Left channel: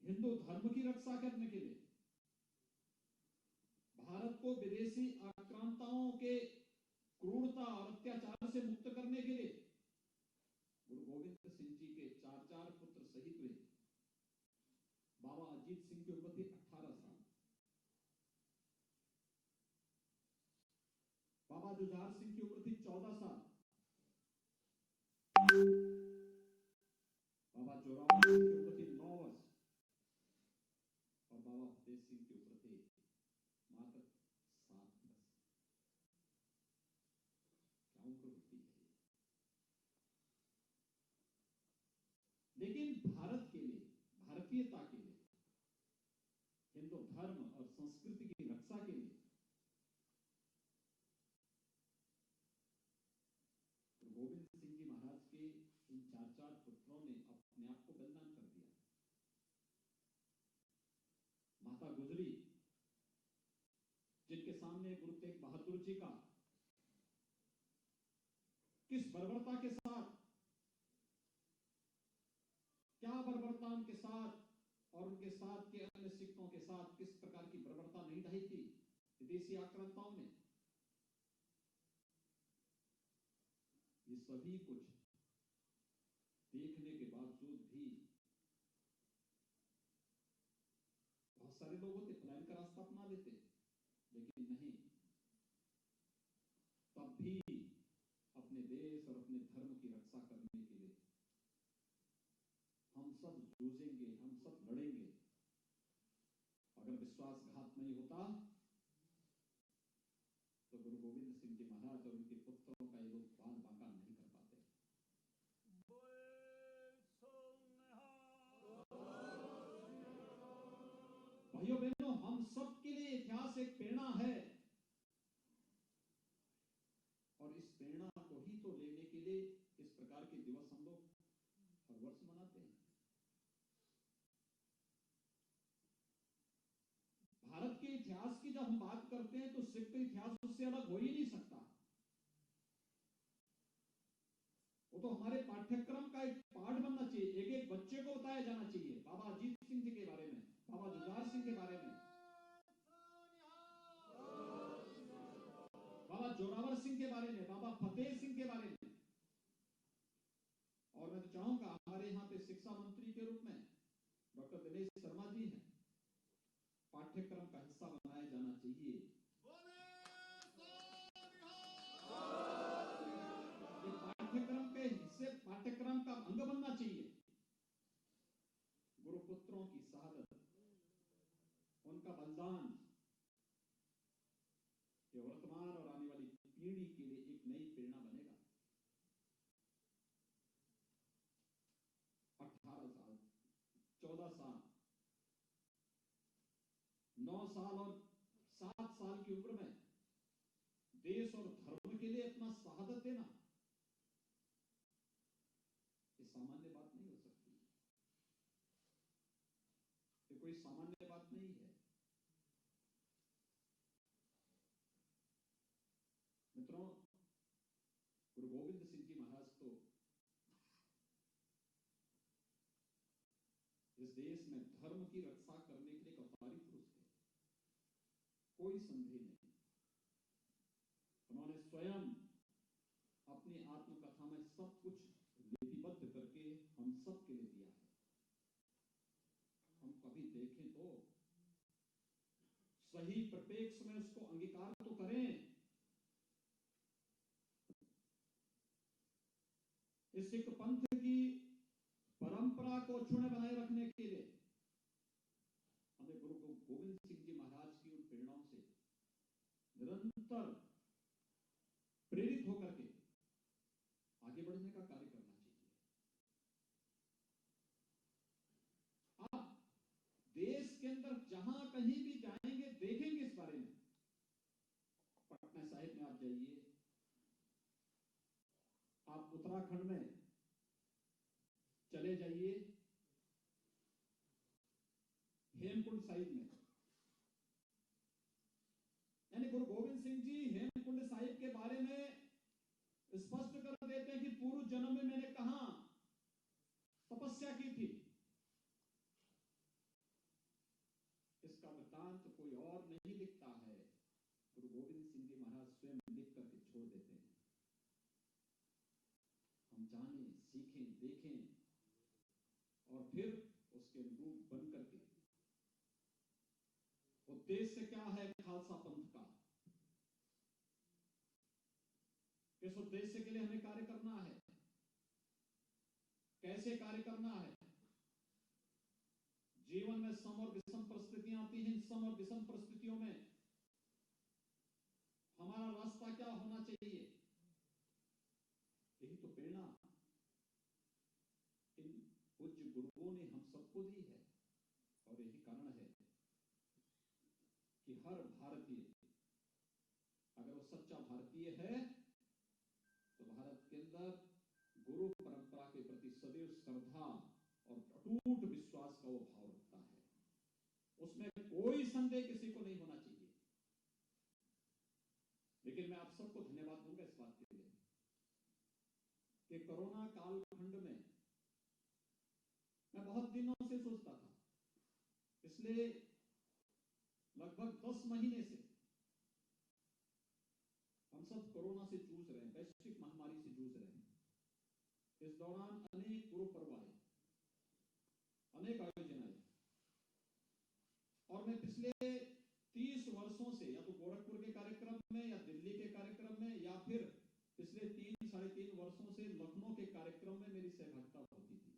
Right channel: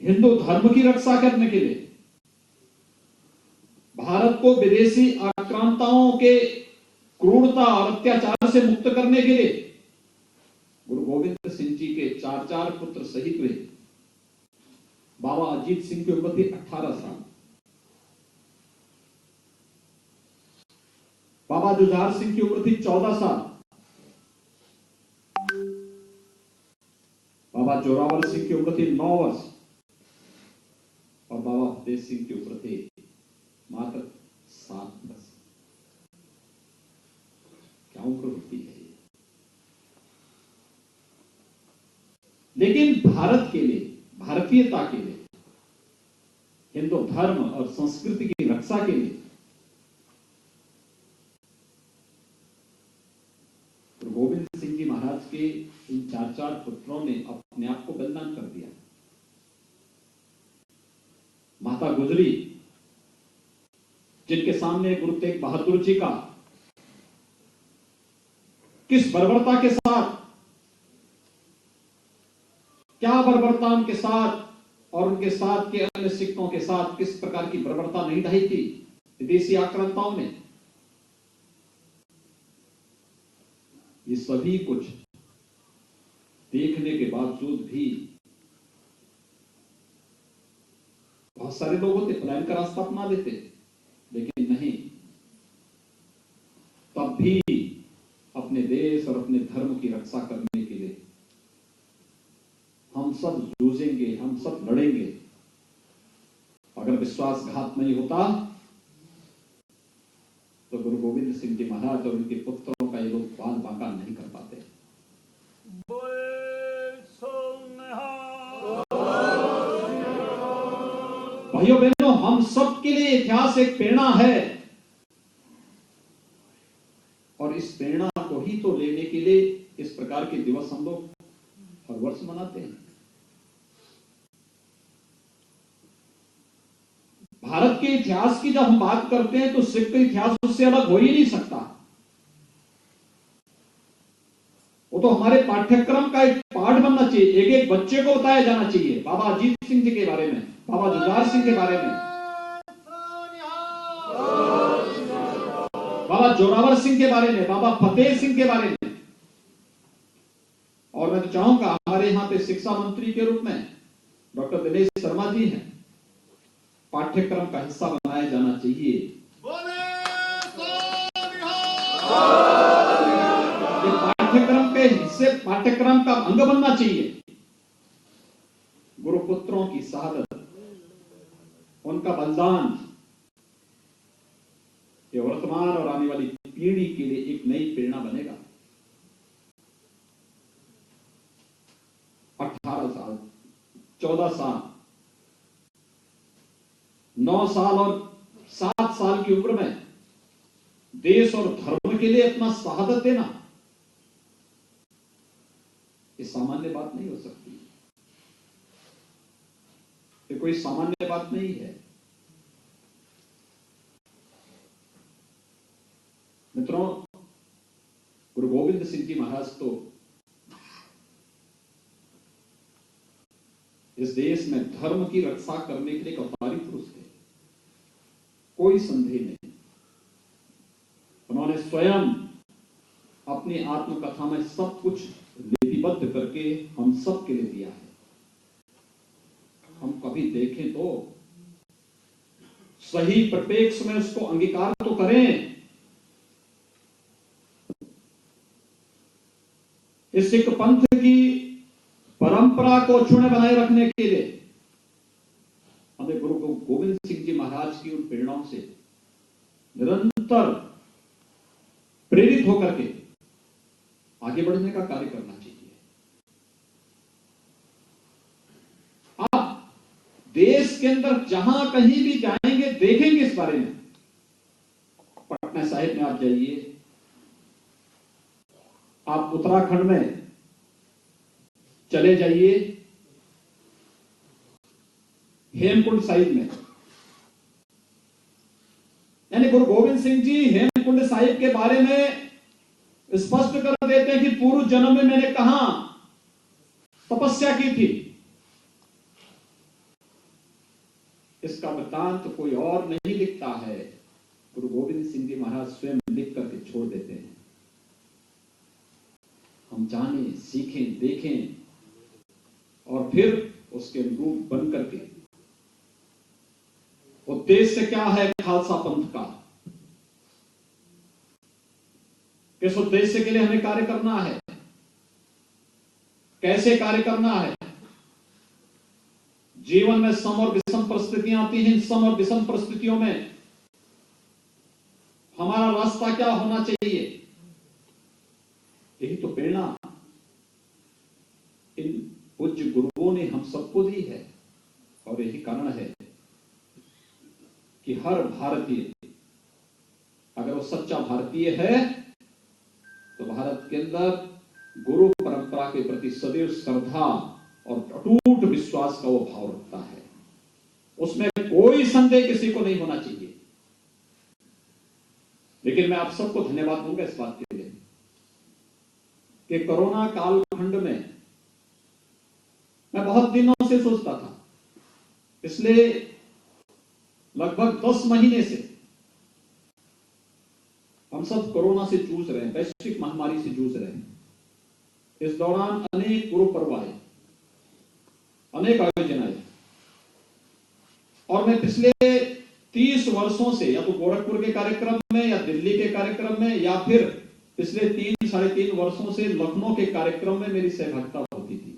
हिंदू धर्म की रक्षा करने के लिए, भारत को विदेशी आक्रांताओं के क्रूरता और अत्याचार से मुक्त करने के लिए गुरु गोविंद सिंह जी के चार पुत्र शहीद हुए। बाबा अजीत सिंह की उम्र थी 18 साल, बाबा जुझार सिंह की उम्र थी 14 साल, बाबा जोरावर सिंह की उम्र थी 9 वर्ष और बाबा फतेह सिंह की उम्र थी मात्र 7 वर्ष। क्या उम्र होती है ये? लेकिन भारत के लिए, भारतीयता के लिए, हिंदू धर्म और संस्कृति की रक्षा के लिए गुरु गोविंद सिंह जी महाराज के इन चार पुत्रों ने अपने आप को बलिदान कर दिया। माता गुजरी, जिनके सामने गुरु तेग बहादुर जी का किस बर्बरता के साथ, क्या बर्बरता उनके साथ और उनके साथ के अन्य सिखों के साथ किस प्रकार की बर्बरता नहीं ढाई थी विदेशी आक्रांताओं ने, ये सभी कुछ देखने के बावजूद भी बहुत सारे लोग होते पलायन का रास्ता अपना लेते, लेकिन नहीं, तब भी अपने देश और अपने धर्म की रक्षा करने के लिए हम सब जूझेंगे, हम सब लड़ेंगे। अगर विश्वासघात नहीं होता तो गुरु गोविंद सिंह जी महाराज और उनके पुत्रों का ये लोग बाल बांका नहीं कर पाते। भाइयों बहनों, हम सब के लिए इतिहास एक प्रेरणा है और इस प्रेरणा को ही तो लेने के लिए इस प्रकार के दिवस हम लोग हर वर्ष मनाते हैं। भारत के इतिहास की जब हम बात करते हैं तो सिख का इतिहास उससे अलग हो ही नहीं सकता। वो तो हमारे पाठ्यक्रम का एक पाठ बनना चाहिए, एक एक बच्चे को बताया जाना चाहिए। बाबा अजीत सिंह जी के बारे में, बाबा जुझार सिंह के बारे में, बाबा जोरावर सिंह के बारे में, बाबा फतेह सिंह के बारे में। और मैं तो चाहूंगा हमारे यहाँ पे शिक्षा मंत्री के रूप में डॉक्टर दिनेश शर्मा जी हैं, पाठ्यक्रम का हिस्सा बनाया जाना चाहिए। ये पाठ्यक्रम के हिस्से, पाठ्यक्रम का अंग बनना चाहिए। गुरुपुत्रों की शहादत, उनका बलिदान, ये वर्तमान और आने वाली पीढ़ी के लिए एक नई प्रेरणा बनेगा। 18 साल, 14 साल, 9 साल और 7 साल की उम्र में देश और धर्म के लिए अपना शहादत देना, ये सामान्य बात नहीं हो सकती। ये कोई सामान्य बात नहीं है। मित्रों, गुरु गोविंद सिंह जी महाराज तो इस देश में धर्म की रक्षा करने के लिए एक अवतारी पुरुष थे, कोई संदेह नहीं। उन्होंने स्वयं अपनी आत्मकथा में सब कुछ लिपिबद्ध करके हम सब के लिए दिया है। हम कभी देखें तो सही परिप्रेक्ष्य में उसको अंगीकार तो करें। इस सिख पंथ की परंपरा को अक्षुण्ण बनाए रखने के लिए हमें गुरु गोविंद सिंह जी महाराज की उन प्रेरणाओं से निरंतर प्रेरित होकर के आगे बढ़ने का कार्य करना चाहिए। आप देश के अंदर जहां कहीं भी जाएंगे देखेंगे इस बारे में। पटना साहिब में आप जाइए, आप उत्तराखंड में चले जाइए, हेमकुंड साहिब में, यानी गुरु गोविंद सिंह जी हेमकुंड साहिब के बारे में स्पष्ट कर देते हैं कि पूर्व जन्म में मैंने कहां तपस्या की थी। इसका वृत्तांत तो कोई और नहीं लिखता है, गुरु गोविंद सिंह जी महाराज स्वयं लिख करके छोड़ देते हैं। हम जानें, सीखें, देखें और फिर उसके अनुरूप बन करके। उद्देश्य क्या है खालसा पंथ का, किस उद्देश्य के लिए हमें कार्य करना है, कैसे कार्य करना है। जीवन में सम और विषम परिस्थितियां आती हैं, इन सम और विषम परिस्थितियों में हमारा रास्ता क्या होना चाहिए, यही तो प्रेरणा इन पूज्य गुरुओं ने हम सबको दी है। और यही कारण है कि हर भारतीय, अगर वो सच्चा भारतीय है, तो भारत के अंदर गुरु परंपरा के प्रति सदैव श्रद्धा और अटूट विश्वास का वो भाव रखता है। उसमें कोई संदेह किसी को नहीं होना चाहिए। लेकिन मैं आप सबको धन्यवाद दूंगा इस बात के लिए कि कोरोना कालखंड में मैं बहुत दिनों से सोचता था, पिछले लगभग 10 महीने से हम सब कोरोना से जूझ रहे हैं, वैश्विक महामारी से जूझ रहे हैं। इस दौरान अनेक गुरु पर्व आए, अनेक आयोजन आए, और मैं पिछले 30 वर्षों से या तो गोरखपुर के कार्यक्रम में या दिल्ली के कार्यक्रम में या फिर पिछले 3-3.5 वर्षों से लखनऊ के कार्यक्रम में मेरी सहभागिता होती थी।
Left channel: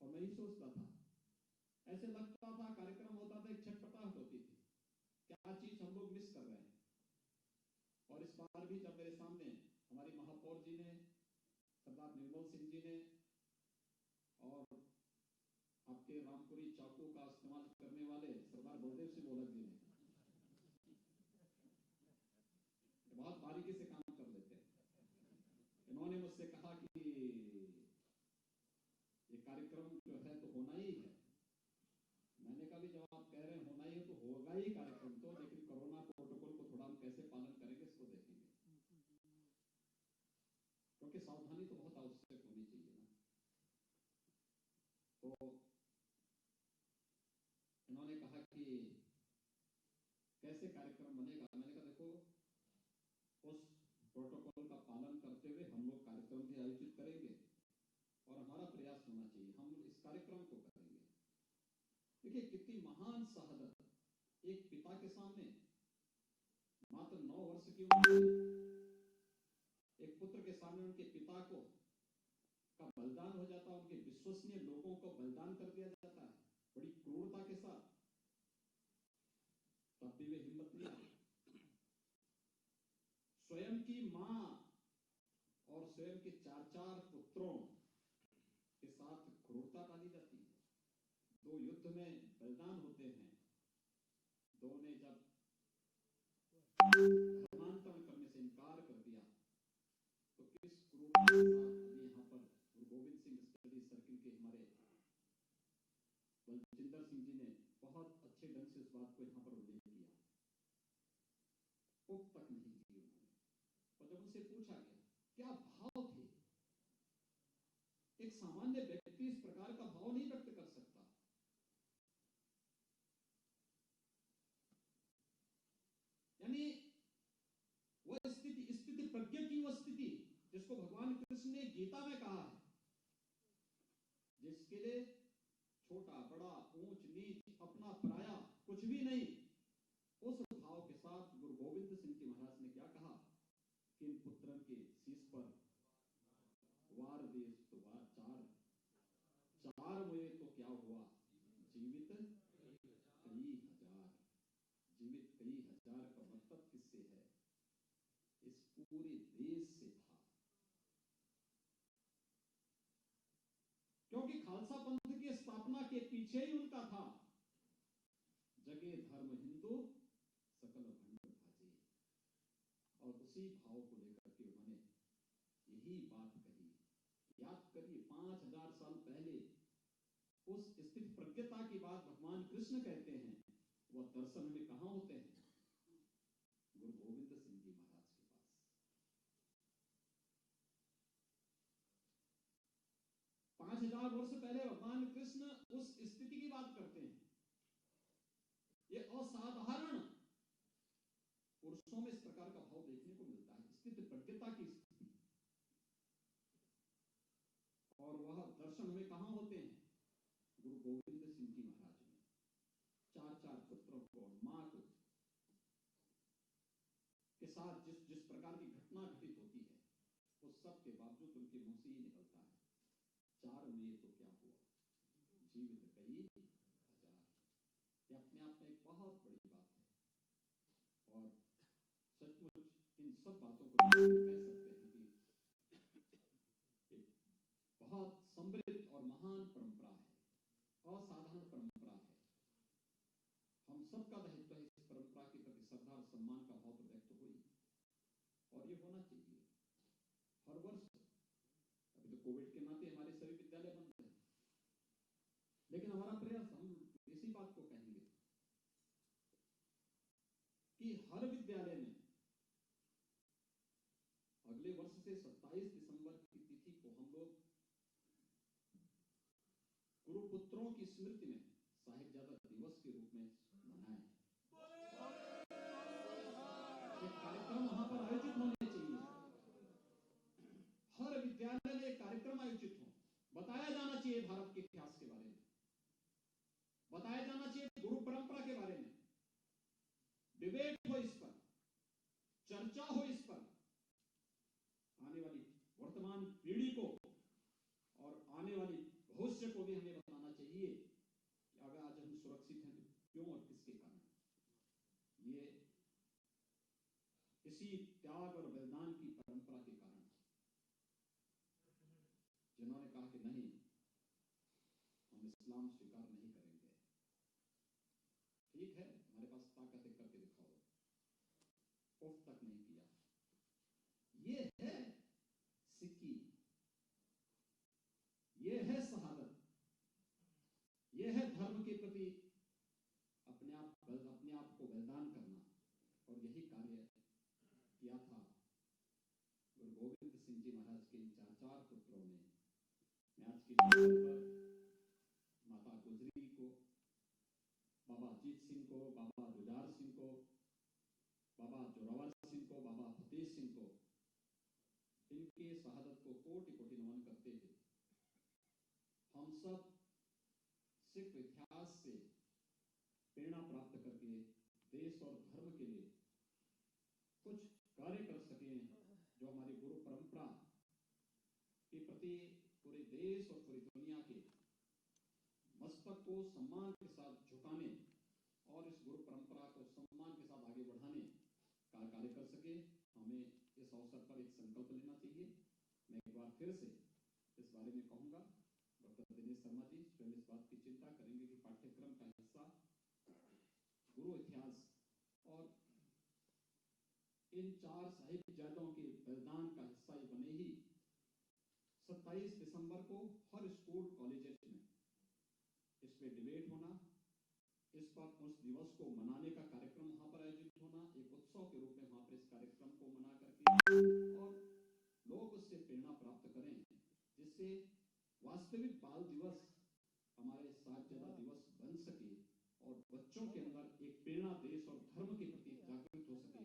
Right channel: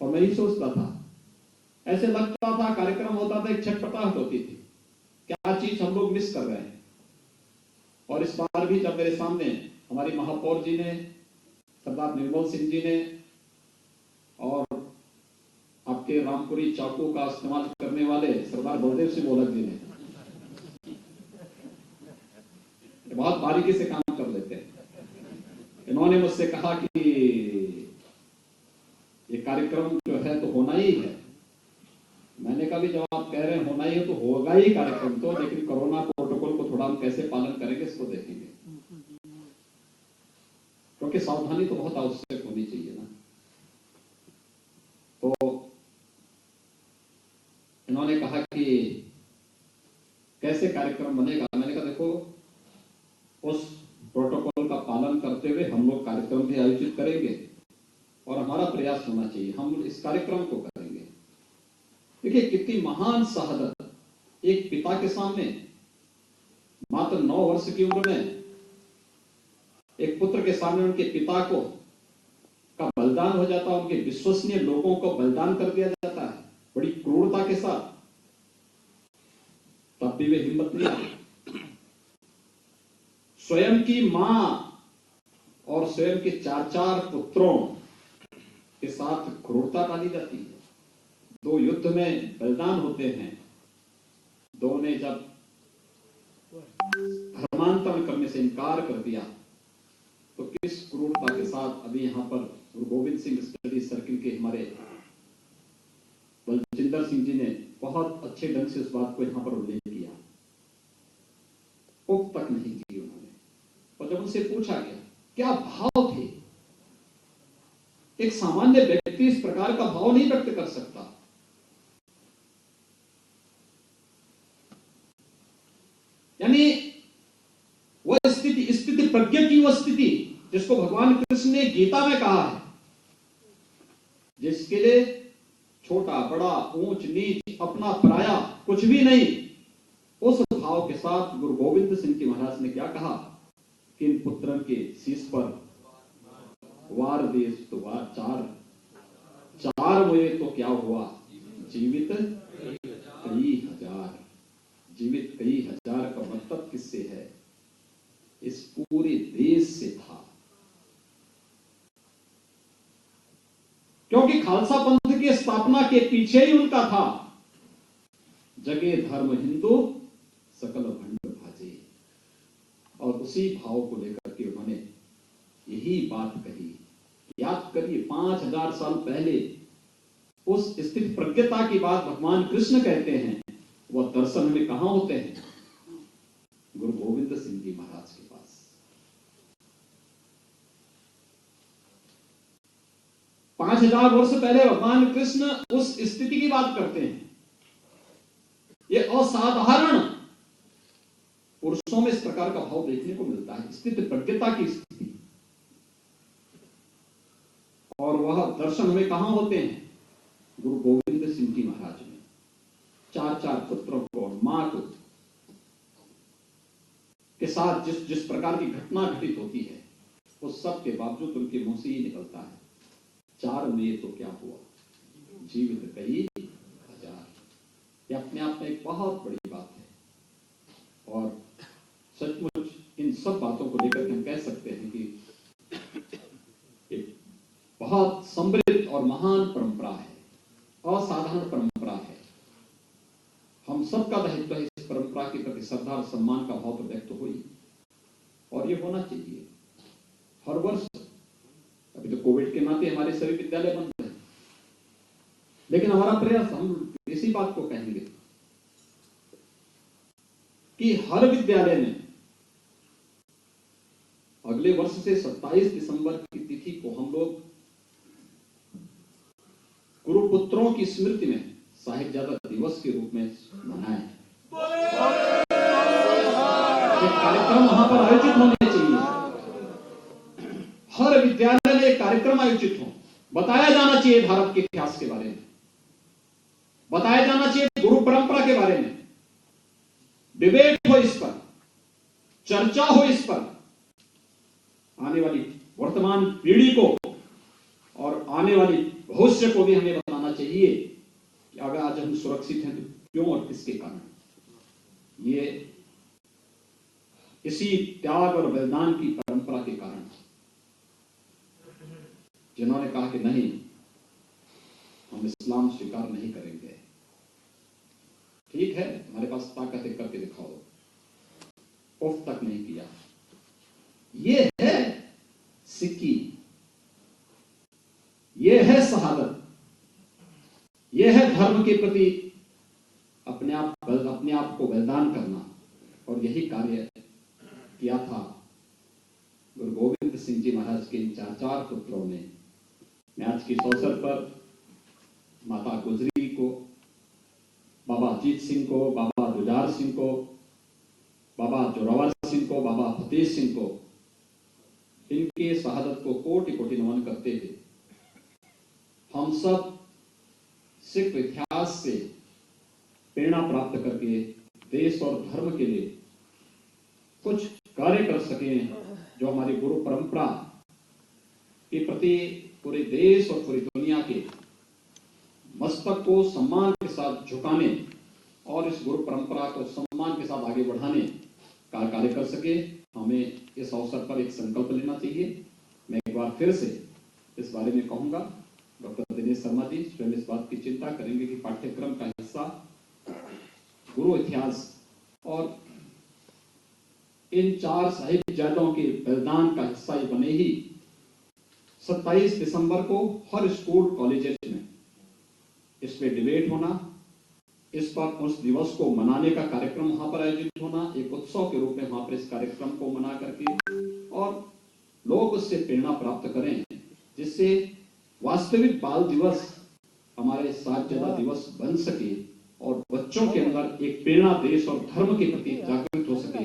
और मैं ही सोचता था, ऐसे लगता था कार्यक्रम होता था, एक छटपटाहट होती थी, क्या चीज हम लोग मिस कर रहे हैं। और इस बार भी जब मेरे सामने हमारी महापौर जी ने, सरदार निर्मल सिंह जी ने और आपके रामपुरी चाकू का इस्तेमाल करने वाले सरदार बलदेव सिंह मोलक जी ने, बहुत बारीकी से काम कर लेते हैं, इन्होंने मुझसे कहा कि ये कार्यक्रम जो है तो होना ही है। मैंने कहा भी जब आप कह रहे हैं होना ही है तो होगा ही कार्यक्रम तो, लेकिन कोरोना प्रोटोकॉल को थोड़ा हम कैसे पालन करेंगे इसको देखेंगे, क्योंकि सावधानी तो बहुत आवश्यक होनी चाहिए ना। तो इन्होंने कहा कि कैसे कार्यक्रम बनेगा। मैंने कहा देखो, उस प्रोटोकॉल का पालन करते हुए हम लोग कार्यक्रम भी आयोजित करेंगे और हमारा प्रयास होना चाहिए, हम इस कार्यक्रम को करेंगे। देखिए कितनी महान शहादत, एक पिता के सामने मात्र 9 वर्ष की उम्र में एक पुत्र के सामने उनके पिता को का बलिदान हो जाता है, उनके विश्वसनीय लोगों को बलिदान कर दिया जाता है बड़ी क्रूरता के साथ, तब भी वे हिम्मत नहीं आती। स्वयं की मां और स्वयं के 4 पुत्रों के साथ क्रूरता डाली जाती है। 2 युद्ध में बलिदान होते हैं, 2 ने जब धर्मांतरण करने से इनकार कर दिया तो किस क्रूरता के साथ अभी यहां पर गुरु गोविंद सिंह स्टडी सर्किल के हमारे बलजिंदर सिंह जी ने बहुत अच्छे ढंग से इस बात को यहां पर उल्लेख किया, उप तक नहीं की उन्होंने। और जब उनसे पूछा गया क्या भाव थे, एक सामान्य व्यक्ति इस प्रकार का भाव नहीं व्यक्त कर सकता। यानी वह स्थिति प्रज्ञा की वह स्थिति जिसको भगवान कृष्ण ने गीता में कहा है, जिसके लिए छोटा बड़ा ऊंच नीच अपना पराया कुछ भी नहीं, उस भाव के साथ गुरु गोविंद सिंह जी महाराज ने क्या कहा कि इन पुत्रन के शीश पर वार देश तो वार 4 हुए तो क्या हुआ, जीवित कई हजार। जीवित कई हजार का मतलब किससे है, इस पूरे देश से था। क्योंकि खालसा पंथ की स्थापना के पीछे ही उनका था, जगे धर्म हिंदू सकल भंड भाजे। और उसी भाव को लेकर के उन्होंने यही बात कही। याद करिए 5000 साल पहले उस स्थिति प्रज्ञता की बात भगवान कृष्ण कहते हैं, वह दर्शन में कहां होते हैं, गुरु गोविंद सिंह जी महाराज के पास। 5000 वर्ष पहले भगवान कृष्ण उस स्थिति की बात करते हैं। ये असाधारण पुरुषों में इस प्रकार का भाव देखने को मिलता है, स्थिति प्रज्ञता की स्थिति। और वह दर्शन हमें कहां होते हैं? गुरु गोविंद सिंह जी महाराज में। 4 पुत्रों को, मां को के साथ जिस प्रकार की घटना घटित होती है, उस सब के बावजूद उनके मुंह से ही निकलता है, 4 में तो क्या हुआ, जीवित कई 1000। यह अपने आप में एक बहुत बड़ी बात है। और सचमुच इन सब बातों को लेकर हम कह सकते हैं कि एक बहुत समृद्ध और महान परंपरा है, असाधारण परंपरा है। हम सबका दायित्व है इस परंपरा के प्रति श्रद्धा और सम्मान का भाव तो व्यक्त हो ही, और ये होना चाहिए हर वर्ष। अभी तो कोविड के नाते हमारे सभी विद्यालय बंद हैं, लेकिन हमारा प्रयास, हम इसी बात को कहेंगे कि हर विद्यालय में अगले वर्ष से 27 दिसंबर की तिथि को हम लोग गुरुपुत्रों की स्मृति में साहिबजादा दिवस के रूप में मनाएं। कार्यक्रम वहां पर आयोजित होने चाहिए। हर विद्यालय में एक कार्यक्रम आयोजित हो, बताया जाना चाहिए भारत के इतिहास के बारे में, बताया जाना चाहिए गुरु परंपरा के बारे में, डिबेट हो इस पर, चर्चा हो इस पर। आने वाली वर्तमान पीढ़ी को और आने वाली भविष्य को भी हमें बताना चाहिए कि अगर आज हम सुरक्षित हैं तो क्यों और किसके कारण। ये इसी त्याग और बलिदान की परंपरा के कारण, जिन्होंने कहा कि नहीं, हम इस्लाम स्वीकार नहीं करेंगे। ठीक है, हमारे पास ताकत है, करके दिखाओ, उफ तक नहीं किया। ये है सिक्की, ये है शहादत, ये है धर्म के प्रति अपने आप को बलिदान करना। और यही कार्य किया था गुरु गोविंद सिंह जी महाराज के 4 पुत्रों ने। मैं आज के इस अवसर पर माता गुजरी को, बाबा अजीत सिंह को, बाबा जुझार सिंह को, बाबा जोरावर सिंह को, बाबा फतेह सिंह को, इनके शहादत को कोटि कोटि नमन करते हुए हम सब सिख इतिहास से प्रेरणा प्राप्त करके देश और धर्म के लिए कुछ कार्य कर सकें, जो हमारी गुरु परंपरा के प्रति पूरे देश और पूरी दुनिया के मस्तक को सम्मान के साथ झुकाने और इस गुरु परंपरा को सम्मान के साथ आगे बढ़ाने का कार्य कर सके। हमें इस अवसर पर एक संकल्प लेना चाहिए। मैं एक बार फिर से इस बारे में कहूंगा, डॉक्टर दिनेश शर्मा जी स्वयं इस बात की चिंता करेंगे कि पाठ्यक्रम का हिस्सा गुरु इतिहास और इन 4 साहिबजादों के बलिदान का हिस्सा ये बने ही 27 दिसंबर को हर स्कूल कॉलेजेस में इस पे डिबेट होना, इस पर उस दिवस को मनाने का कार्यक्रम वहां पर आयोजित होना, एक उत्सव के रूप में वहां पर इस कार्यक्रम को मना करके और लोग उससे प्रेरणा प्राप्त करें, जिससे वास्तविक बाल दिवस हमारे साहिबजादा दिवस बन सके और बच्चों के अंदर एक प्रेरणा देश और धर्म के प्रति जागृत हो सके।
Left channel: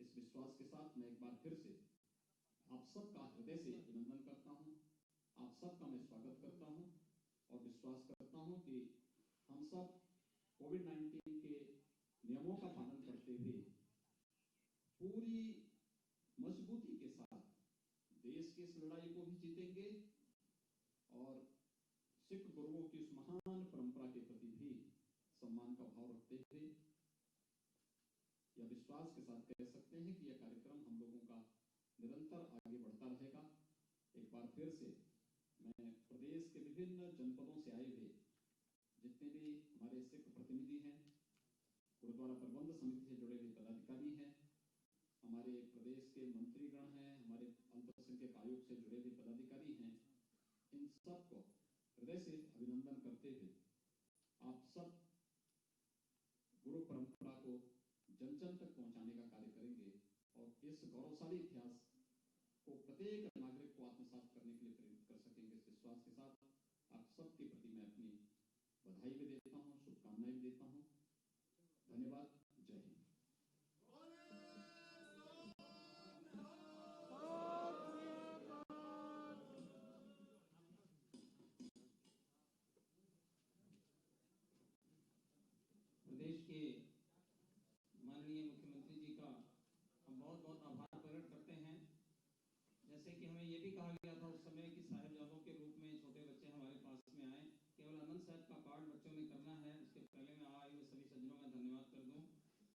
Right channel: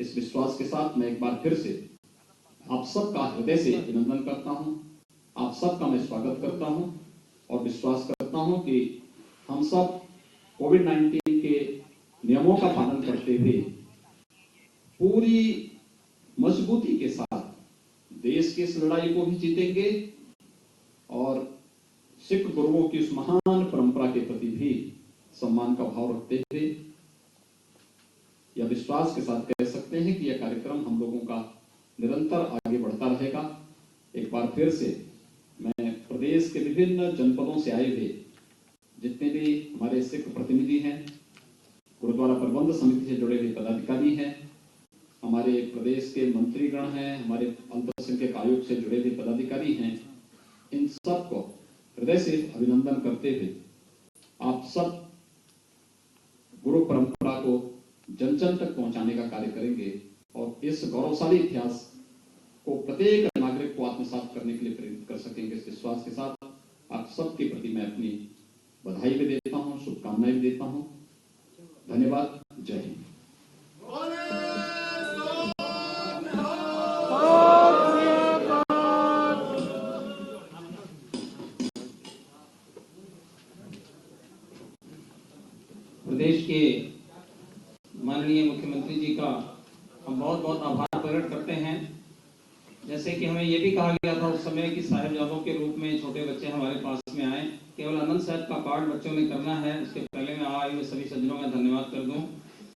इस विश्वास के साथ मैं एक बार फिर से आप सबका हृदय से अभिनंदन करता हूं, आप सबका मैं स्वागत करता हूं और विश्वास करता हूं कि हम सब कोविड-19 के नियमों का पालन करते हुए पूरी मजबूती के साथ देश की इस लड़ाई को भी जीतेंगे और सिख गुरुओं की उस महान परंपरा के प्रति भी सम्मान का भाव रखते हुए यह विश्वास के साथ कह सकते हैं कि यह कार्यक्रम हम लोगों का निरंतर आगे बढ़ता रहेगा। एक बार फिर से मैं प्रदेश के विभिन्न जनपदों से आए हुए जितने भी हमारे सिख प्रतिनिधि हैं, गुरुद्वारा प्रबंध समिति से जुड़े हुए पदाधिकारी हैं, हमारे प्रदेश के मंत्रीगण हैं, हमारे अल्पसंख्यक आयोग से जुड़े हुए पदाधिकारी हैं, इन सबको हृदय से अभिनंदन करते हुए आप सब गुरु परंपरा को जन जन तक पहुंचाने का कार्य करेंगे और इस गौरवशाली इतिहास को प्रत्येक नागरिक को आत्मसात करने के लिए प्रेरित कर सकेंगे। इस विश्वास के साथ मैं अपनी बधाई भी देता हूं, शुभकामनाएं भी देता हूं। धन्यवाद। जय हिंद। प्रदेश के माननीय मुख्यमंत्री जी का हम बहुत बहुत आभार प्रकट करते हैं। जैसे कि हमें ये भी कहा गया था उस समय कि साहिबजादों के रूप में छोटे बच्चे हमारे पास में आए, केवल आनंद साहब का पाठ बच्चों ने करना है। उसके पहले मैं आए हुए सभी सज्जनों का धन्यवाद कर दूं।